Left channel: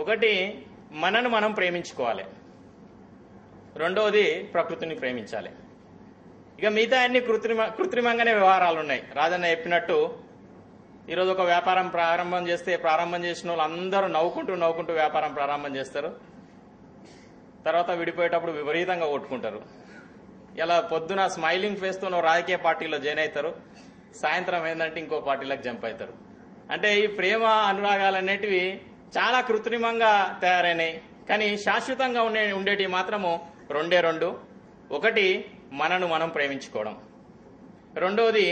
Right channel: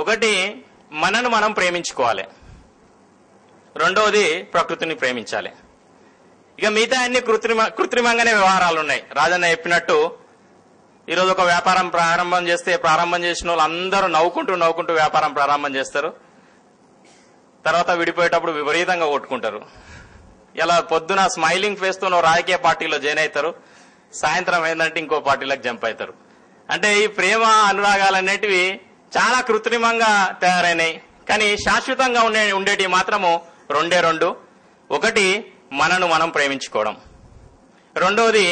ఒకటి మనను మనం ప్రేమించుకోవాలి, రెండవది ప్రకృతిని ప్రేమించాలి. ఇక మిగతా అన్ని కృత్రిమంగానే వ్యవహారాలు ఉన్నాయి. రాజన్న చెప్పినట్టు ఈరోజు ఒక వ్యాపారం ప్రారంభం చేసిన వాళ్ళు అందరూ నవ్వుకుంటూ వ్యాపారం ప్రారంభం చేస్తారు. తర్వాత విడిపోయేటప్పుడు విపరీతంగా కొట్టుకుంటారు. ఇలా పొద్దున స్మైలింగ్ ఫేస్ తో రాజకీయ పార్టీలో జాయిన్ అవుతారు, సాయంత్రం ఏంటంటే ఇంకో పార్టీలకు జంప్ అవుతారు. అంటే ఈ ప్రేమ అనురాగాలు అనేటివి చాలా కృత్రిమంగా తయారైనాయి. కానీ శాశ్వతంగా ఉండేటివి మాత్రము రెండు. ఒకటి మనను మనం ప్రేమించుకోవడం, రెండవది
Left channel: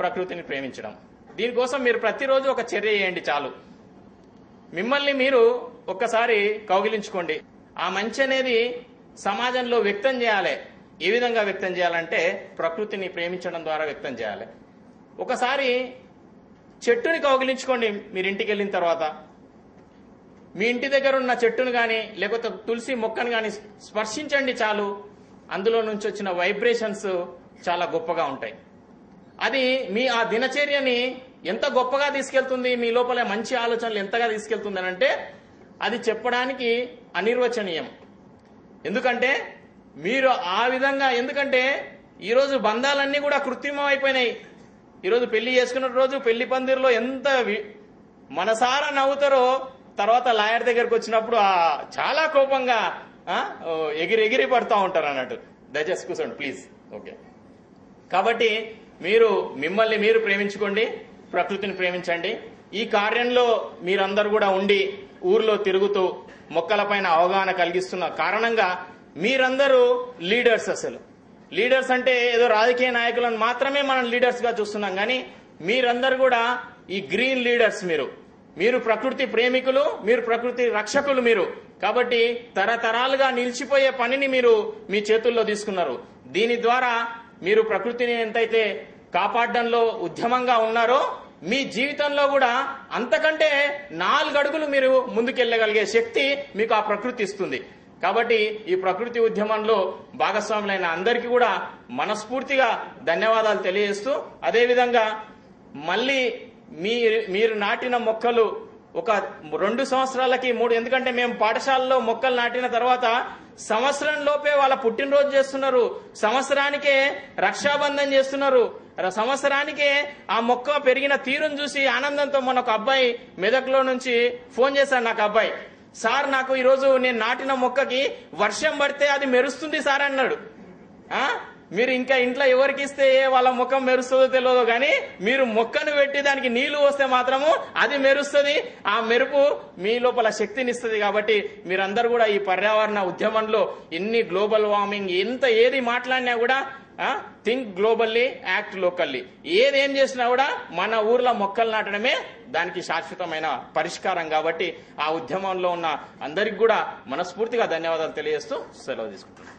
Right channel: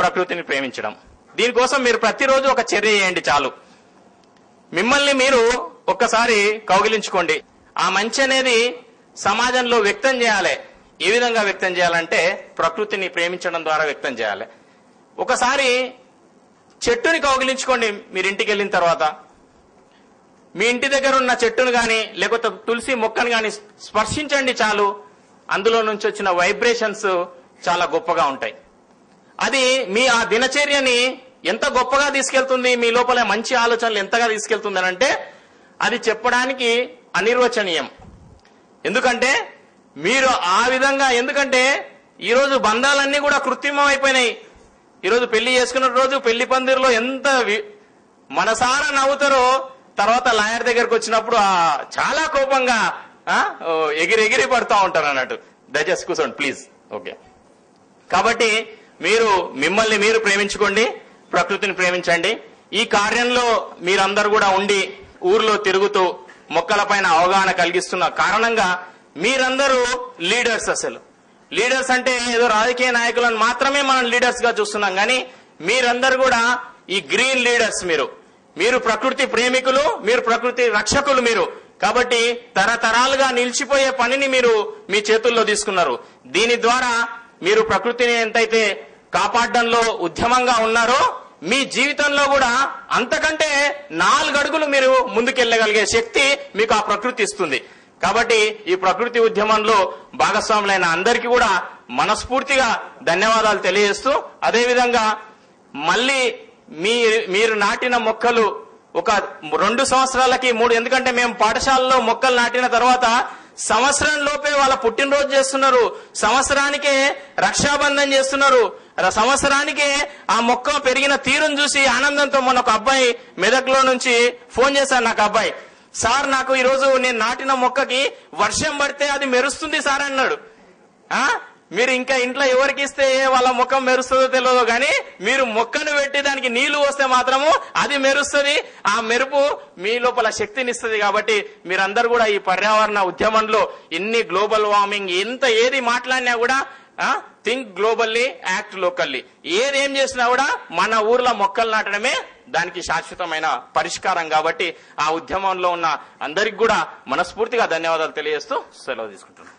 ప్రకృతిని ప్రేమించడం. దీనికోసం మీరు ప్రతిరోజు ఒక చర్య చేయండి చాలు. మిమ్మల్ని మీరు ఒక్కసారి కౌగిలించుకోండి. ఆ మంచి అనేది సమాజంలో వ్యక్తం చేయాలి. ఏ విధంగా వ్యక్తం చేయాలంటే ప్రకృతిని ప్రేమించడం ద్వారా వ్యక్తం చేయాలి. ఒకసారి చెట్టుని కౌగిలించుకోండి. మీరు ఇంటికి వెళ్ళిన తర్వాత మీ ఇంటి దగ్గర ఉన్న చెట్టును గాని లేకపోతే తులసి మొక్కను గాని స్పర్శించండి చాలు. అందులో నుంచి వచ్చిన వైబ్రేషన్స్ చాలా గొప్పగా ఉంటాయి. అది మీ ఆ దినచర్యని ఎంత గొప్పగా తీసుకెళ్తుంది, మీ లోపల మంచి ఆలోచనలు ఎంతగా తీసుకెళ్తుంది అంటే అది చెప్పడానికి అనిర్వచనీయం. ఎందుకంటే మీరు ఆ విధంగా, ఎందుకంటే ఈరోజు బంధాలన్నీ కూడా కృత్రిమం అయిపోయినాయి. ఈరోజు పెళ్లి చేసుకున్న రోజు పెళ్లి పందిరిలో ఎంత మనసారా నవ్వుతారో తర్వాత లాయర్ దగ్గరకు వచ్చినప్పుడు చాలా కోపంగా ఎగిరి పడుతూ ఉంటారు అన్నట్టు. దయచేసి కూర్చోండి ప్లీజ్. ఓకే, కాబట్టి మీరు మిమ్మల్ని మీరు ప్రేమించుకోండి, ప్రకృతిని ప్రేమించండి. ఈ కార్యంలో మీరందరూ కూడా ఉండి ఊర్లో తిరుగుతూ మొక్కలపైన అవగాహన కలిగిస్తున్న కారణంగా మీరందరూ లీడర్స్. అసలు లీడర్స్ అంటే ఏదో రాజకీయ నాయకులను మాత్రమే మనం లీడర్స్ గా చూస్తున్నాం, కానీ మీరందరూ కూడా ఈ గ్రీన్ లీడర్స్. మీరు ప్రకృతి ప్రేమికులు, మీరు ప్రకృతి రక్షకులు. మీరు కాబట్టి తరతరాలుగా నిలిచిపోయే పనిని మీరు మీ చేతుల్లో తీసుకున్నారు. దీని ద్వారా మీరు ప్రకృతిని ఎంతైతే కాపాడడంలో ఉద్యమంగా ఉన్నారో మీ జీవితంలో కూడా అంతకంటే 4 అడుగులు మీరు ముందుకెళ్లగలిగే శక్తి మీకు ఆ ప్రకృతి ఇస్తుంది. కాబట్టి ఈ ప్రకృతి ఉద్యమంలో భాగస్వాములైన అందరికీ కూడా మనస్ఫూర్తిగా ధన్యవాదాలు తెలియజేస్తూ, అదేవిధంగా మళ్ళీ మీరు నాటిన మొక్కలు ఒక 2 సంవత్సరాలకి 3, ఎందుకంటే మేము పాఠశాలలో మొక్కలు నాటిన తర్వాత సంవత్సరం లోపే వాళ్ళ పుట్టినరోజు చేస్తున్నారు, సంవత్సరానికే రక్షాబంధన్ చేస్తున్నారు, సంవత్సరానికే ఆ మొక్క పెరిగిన తీరును చూసి ఆనందంతో మొన్న ఒక అబ్బాయి మెదక్లో నుంచి ఫోన్ చేశారు నాకు. అబ్బాయి, సార్ నాకు ఈరోజు నేను నాటిన మొక్కకి వర్షం పడితే అది మెరుస్తుంది సార్ అన్నాడు. మీరు ఇంకా ఇంట్లో ఎవరికి ఇస్తే వాళ్ళ ముఖం మెరుస్తుందో తెలియదు, కానీ మీరు మొక్కను పెట్టి దానికి నీళ్లు పోస్తే మాత్రము అది మెరుస్తుంది. ఆ మెరుపు మీ లోపల శక్తినిస్తుంది. కాబట్టి మీరందరూ కూడా ఈ పర్యావరణ ఉద్యమంలో ఇన్ని గ్లోబల్ వార్మింగ్ ఏది మాట్లాడినా కూడా థింక్ గ్లోబల్లీ, యాక్ట్ లోకల్లీ. ఏదేం చేసినా కూడా మన ఊర్లో మొక్కలు నాటడమే దానికి శాశ్వతమైన పరిష్కారం. కాబట్టి ఆ ఉద్యమంలో ఉన్న అందరికి కూడా మనస్ఫూర్తిగా ధన్యవాదాలు తెలియజేస్తూ సెలవు తీసుకుంటున్నాను.